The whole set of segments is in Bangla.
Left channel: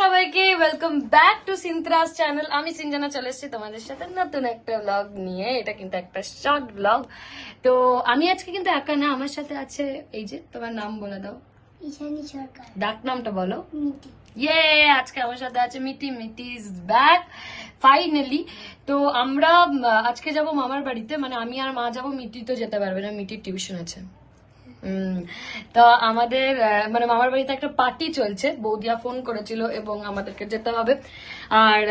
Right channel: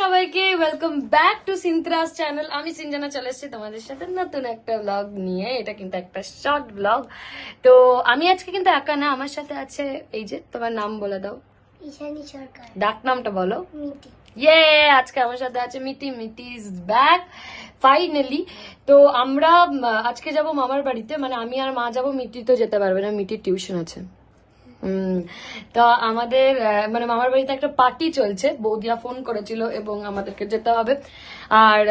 সবাইকে ওয়েলকাম ব্যাক টু সিনত্রাস চ্যানেল। আমি সিনজানা চলে এসেছি তোমাদের সাথে নতুন একটা ব্লগ নিয়ে। এটা কিন্তু একটা শর্ট ব্লগ। তো আমি আজকে কিন্তু একা না, আমার সাথে আছে এই যে, তোমার নাম বলে দাও। ঈশানী সরকার। ডাক নামটা বলো। মিটি। ইয়ে, আজকে আমার সাথে আছে মিটি। মিটি ইজ ব্যাক ফাইনালি। তো আমরা আজকে যাব মামার বাড়িতে, মানে আমি আর মা যাব, মিটি তো যেতে পারবে না, মিটির টিউশন আছে। তো আমাদের মানে মামার বাড়িতে একটা পার্টি চলছে, বৌদিয়া ফোন করেছিল এবং আমাদেরকে যেতে হবে। আর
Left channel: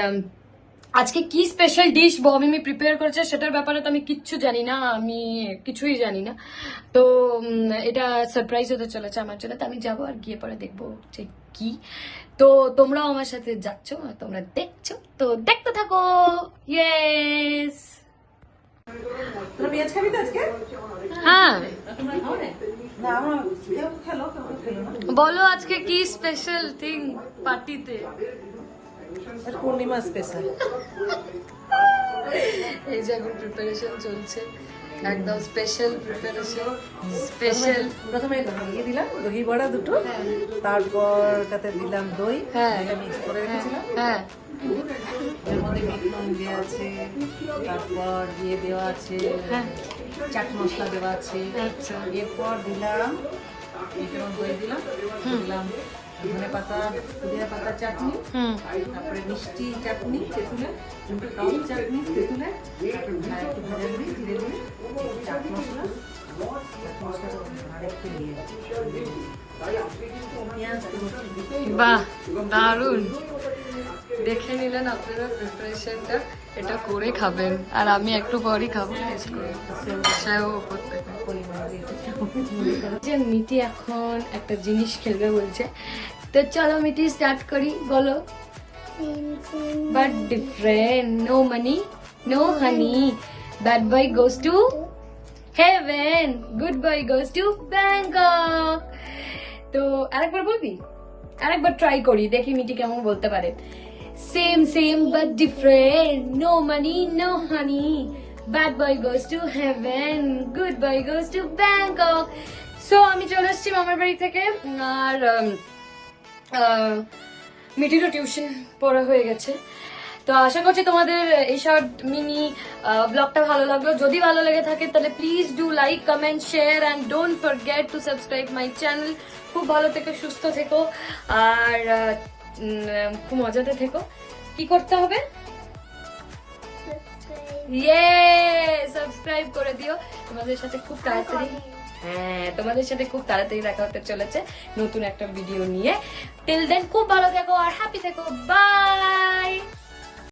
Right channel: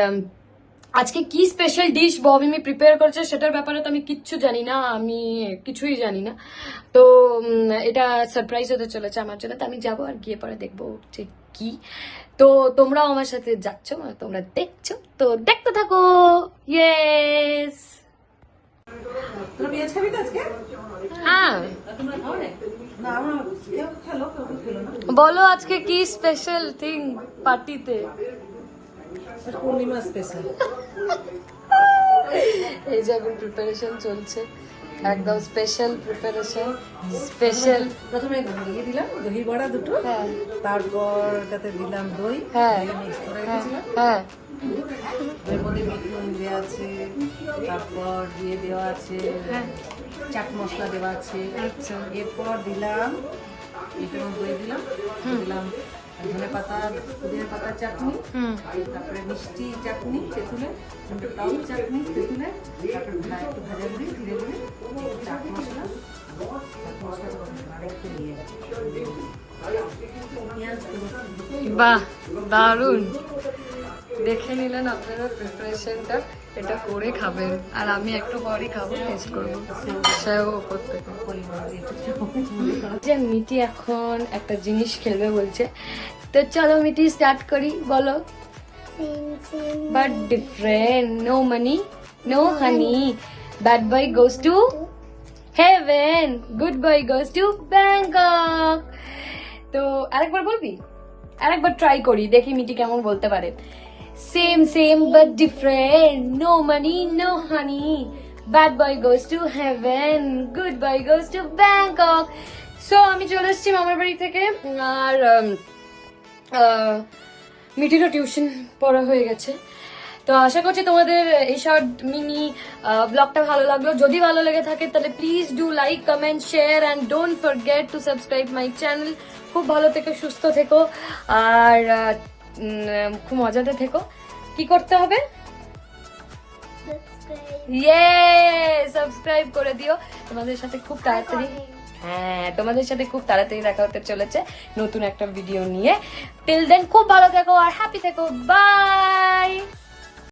আজকে কি স্পেশাল ডিশ বৌমিমি প্রিপেয়ার করছে সেটার ব্যাপারে তো আমি কিচ্ছু জানি না, আমি কিছুই জানি না। তো এটা সারপ্রাইজ হতে চলেছে আমার জন্য। তো আমি যাবো আর গিয়ে পরে দেখবো যে কি। তো তোমরাও আমার সাথে যাচ্ছ, তোমরা দেখছো, তো দেখতে থাকো। ইয়েস। পেঁয়াজ খাবি তো আজকে? হ্যাঁ, না আমার কেউ খেলো না। বলো আজকে কি স্পেশাল থিং পার্টিতে। এটা পূর্ণিমা স্পেশাল। এই যে এখন প্রিপারেশন চলছে, একদম স্পেশাল প্রিপারেশন। স্পেশাল প্রথমে ইয়ে দিলাম দহি বড়া দুটো, হ্যাঁ তারপর তাতে দিলাম দই, হ্যাঁ মিক্স করে হ্যাঁ রেখেছিলাম। হ্যাঁ এর মধ্যে বিট নুন দেওয়া আছে, তারপর দিয়ে দেওয়া আছে হ্যাঁ। চাট মশলা দেওয়া আছে। আচ্ছা এরপর দিলাম এটার দই দিলাম, দিলাম ধনে পাতা পুদিনা পাতা চাটনি, হুম তারপরে মিষ্টি চাটনি তেঁতুলের, টক চাটনি তেঁতুলের, তারপর একটু ভাজা গুঁড়ি ধীরে ধীরে চাট মশলা আর একটু নিয়ে পেঁয়াজ বাহ, দারুণ। দেখে নিলেন আপনারা প্রিপারেশনটা, এটা করে খাবেন আর আমি একটু পরই খাবো, টেস্ট করবো সেও ওপর থেকে। পরিমাণ দিয়ে যে মিটি এখন একটা জিনিস খেলবে বলছে, তো চলো মিটি স্টার্ট করি। বলো। But different. No money, no honey. Bad boy goes to heaven. Good boy goes to Bangkok. তো আরেকবার বলবি? আরেকবার ট্রাই করি, দেখি মিটি কেমন বলতে পারে। Same same but different, no money no honey, bad boy goes to heaven, good boy goes to Bangkok. So আমি চলে এসেছি মামার বাড়ি থেকে, আর মিটিরও টিউশন পড়া হয়ে গেছে। তো আশা করছি তোমাদের এই শর্ট মিনি ব্লগটা ভালো লাগলো। যদি ভালো লেগে থাকে তাহলে please do like, comment, share and don't forget to subscribe my channel. খুব ভালো থেকো, সুস্থ থেকো, আর খুব মজাতে থেকো। কি করতে হবে? সাবস্ক্রাইব করে দিও। তোমাদের সাথে খুব তাড়াতাড়ি, হ্যাঁ তোমাদের সাথে খুব তাড়াতাড়ি দেখা হতে চলেছে নতুন একটা ভিডিও নিয়ে। টিল দেন খুব ভালো থেকো আর হ্যাপি থেকো। বাই।